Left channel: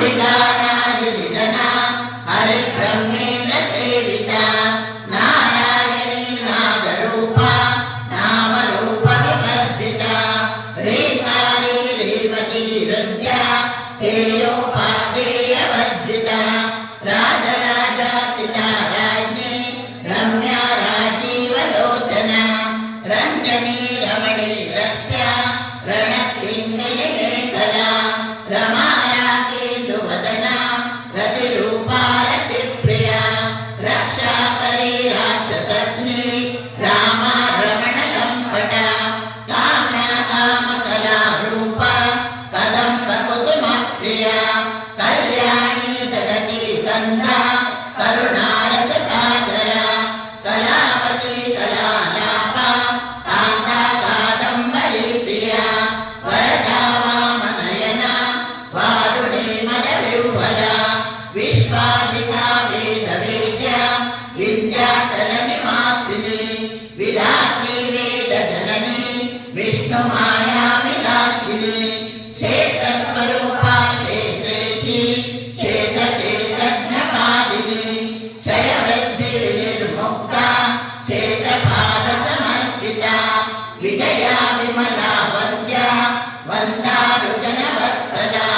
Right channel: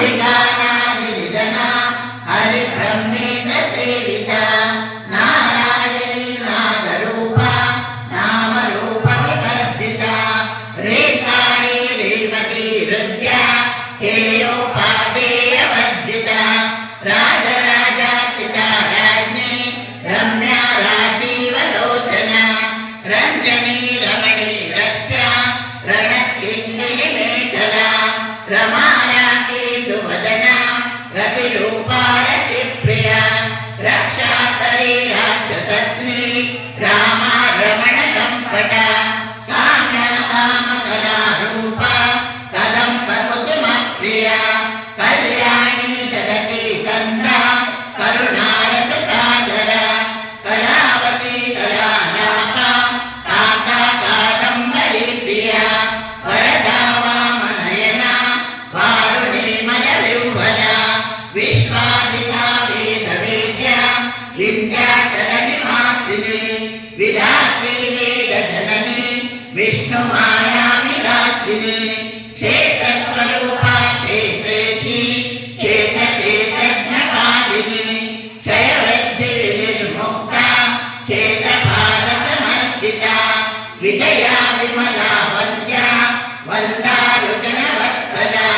विगानादिजना हरिब्रह्मेण सेविता नारायणी नागरूपा नामरूपविवर्जिता रेकाली रेवती हृद्या हेयोपादेयवर्जिता राजराजाचिता राज्ञी रम्या राजीवलोचना रञ्जनी रमणी रस्या रणकिङ्गिमेखला रमाया केतुवदना रतिरूपा रतिप्रिया रक्षाकरी राक्षसग्नी रामा रमणकम्पटा काम्या कामकला रूपा कदम्बकुसुमप्रिया कल्याणी जगती गन्धा करुणारससागरा कलावती कलालापा कान्ता कादम्बरी प्रिया वरदा वामनयना वारुणीमयविह्वला विश्वादिका वेदवेद्या विन्ध्याचलनिवासिनी विधात्री वेदजननी विष्णुमाया विलासिनी क्षेत्रस्वरूपा क्षेत्रेशी क्षेत्रचेतज्ञपालिनी क्षयवृद्धिविनिर्मुक्ता क्षेत्रपादसमर्जिता विजया विमला वन्द्या वन्दारुजनवत्सला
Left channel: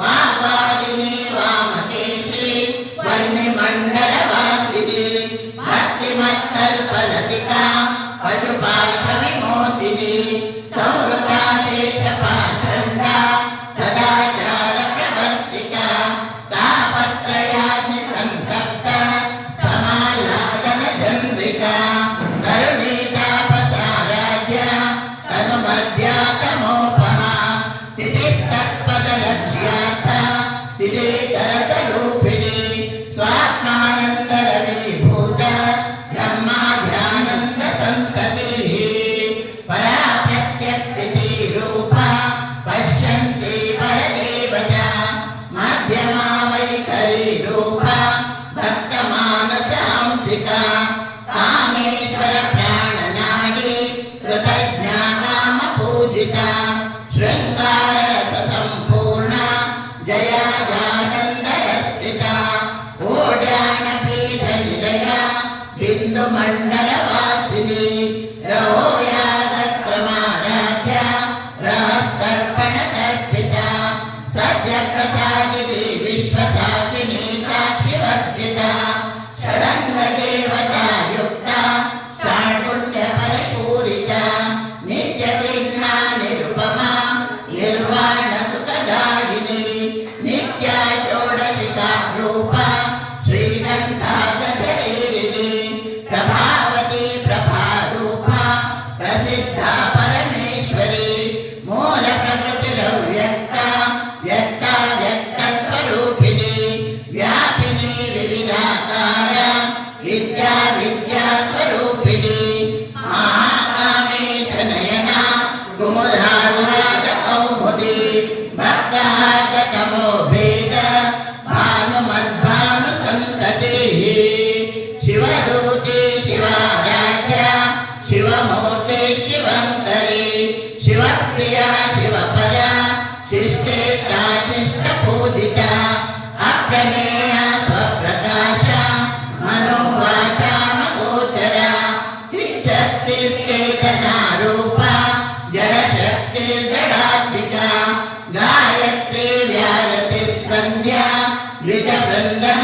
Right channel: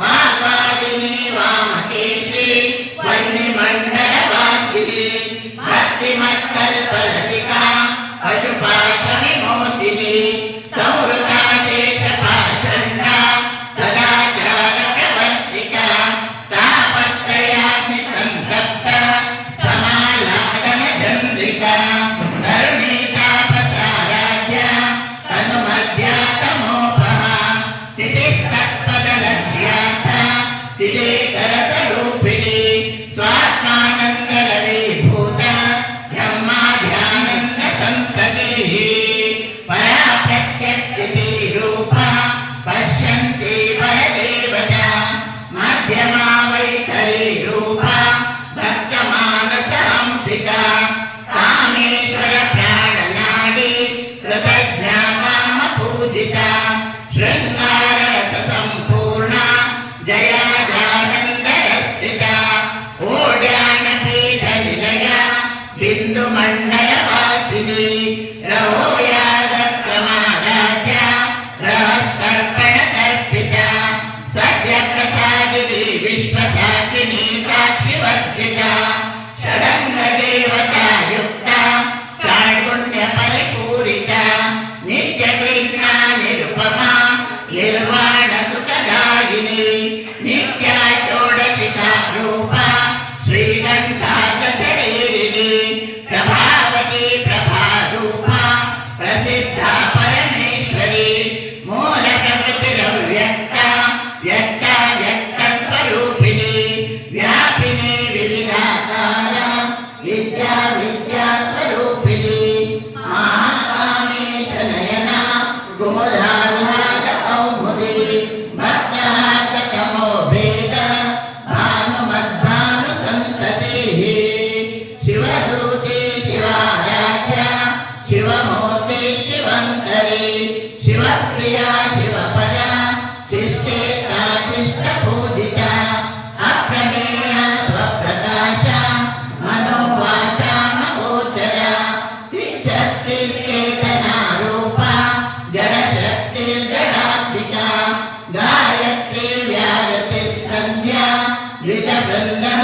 वाग्वादिनी वामकेशी वह्निमण्डलवासिनी भक्तिमत्कल्पलतिका पशुपाशविमोचिनी संवृता शेषपाषण्डा सदाचारप्रवर्तिका तापत्रयाग्निसन्तप्ता समालापनचन्द्रिका करुणीतापसाराध्या तनुमध्या तमोपमा चितिस्तत्पदलक्ष्यार्था चिदेकरसरूपिणी स्वात्मानन्दरवीभूता ब्रह्माध्यानन्दसन्ततिः परा प्रत्यक्षितिरूपा पश्यन्ति वरदेवता मध्यमा वैखरी रूपा भक्तमानसांसिका कामेश्वर प्राणनाडी कृतज्ञा कामपूजिता शृङ्गाररससम्पूर्णा जया जानन्दरस्थिता ओड्यानपीठनिलया बिन्दुमण्डलवासिनी रवोयागक्रमाराध्या रहस्तर्पणतर्पिता सद्यप्रसादिनी विश्वसाक्षिणी साक्षिवर्जिता षडङ्गदेवतायुक्ता षड्गुण्यपरिपूरिता नित्यकीर्णा निरुपमा निर्वाणसुखदायिनी नित्या षोडशिका रूपा श्रीकण्ठार्थशरीरिणी प्रभावती प्रभारूपा प्रसिद्धा परमेश्वरी मूलप्रकृतिरव्यक्ता व्यक्ता व्यक्तस्वरूपिणी व्यापिनी विविधाकारा विद्या विद्यास्वरूपिणी महाकामेशनयना कुमुदाकौमुदी भक्तार्थतमो भेद भानुमद्भानुसन्ततिः शिवदूती शिवाराध्या शिवमूर्ति शिवङ्करी शिवप्रिया शिवपरा शिष्टेष्टा शिष्टपूजिता अप्रमेया स्वप्रकाशा मनोवाचामगोचरा चिच्छक्तिश्चेतनारूपा जडशक्तिर्जडात्मिका गायत्री व्याहृतिः सन्ध्या द्विजवृन्दा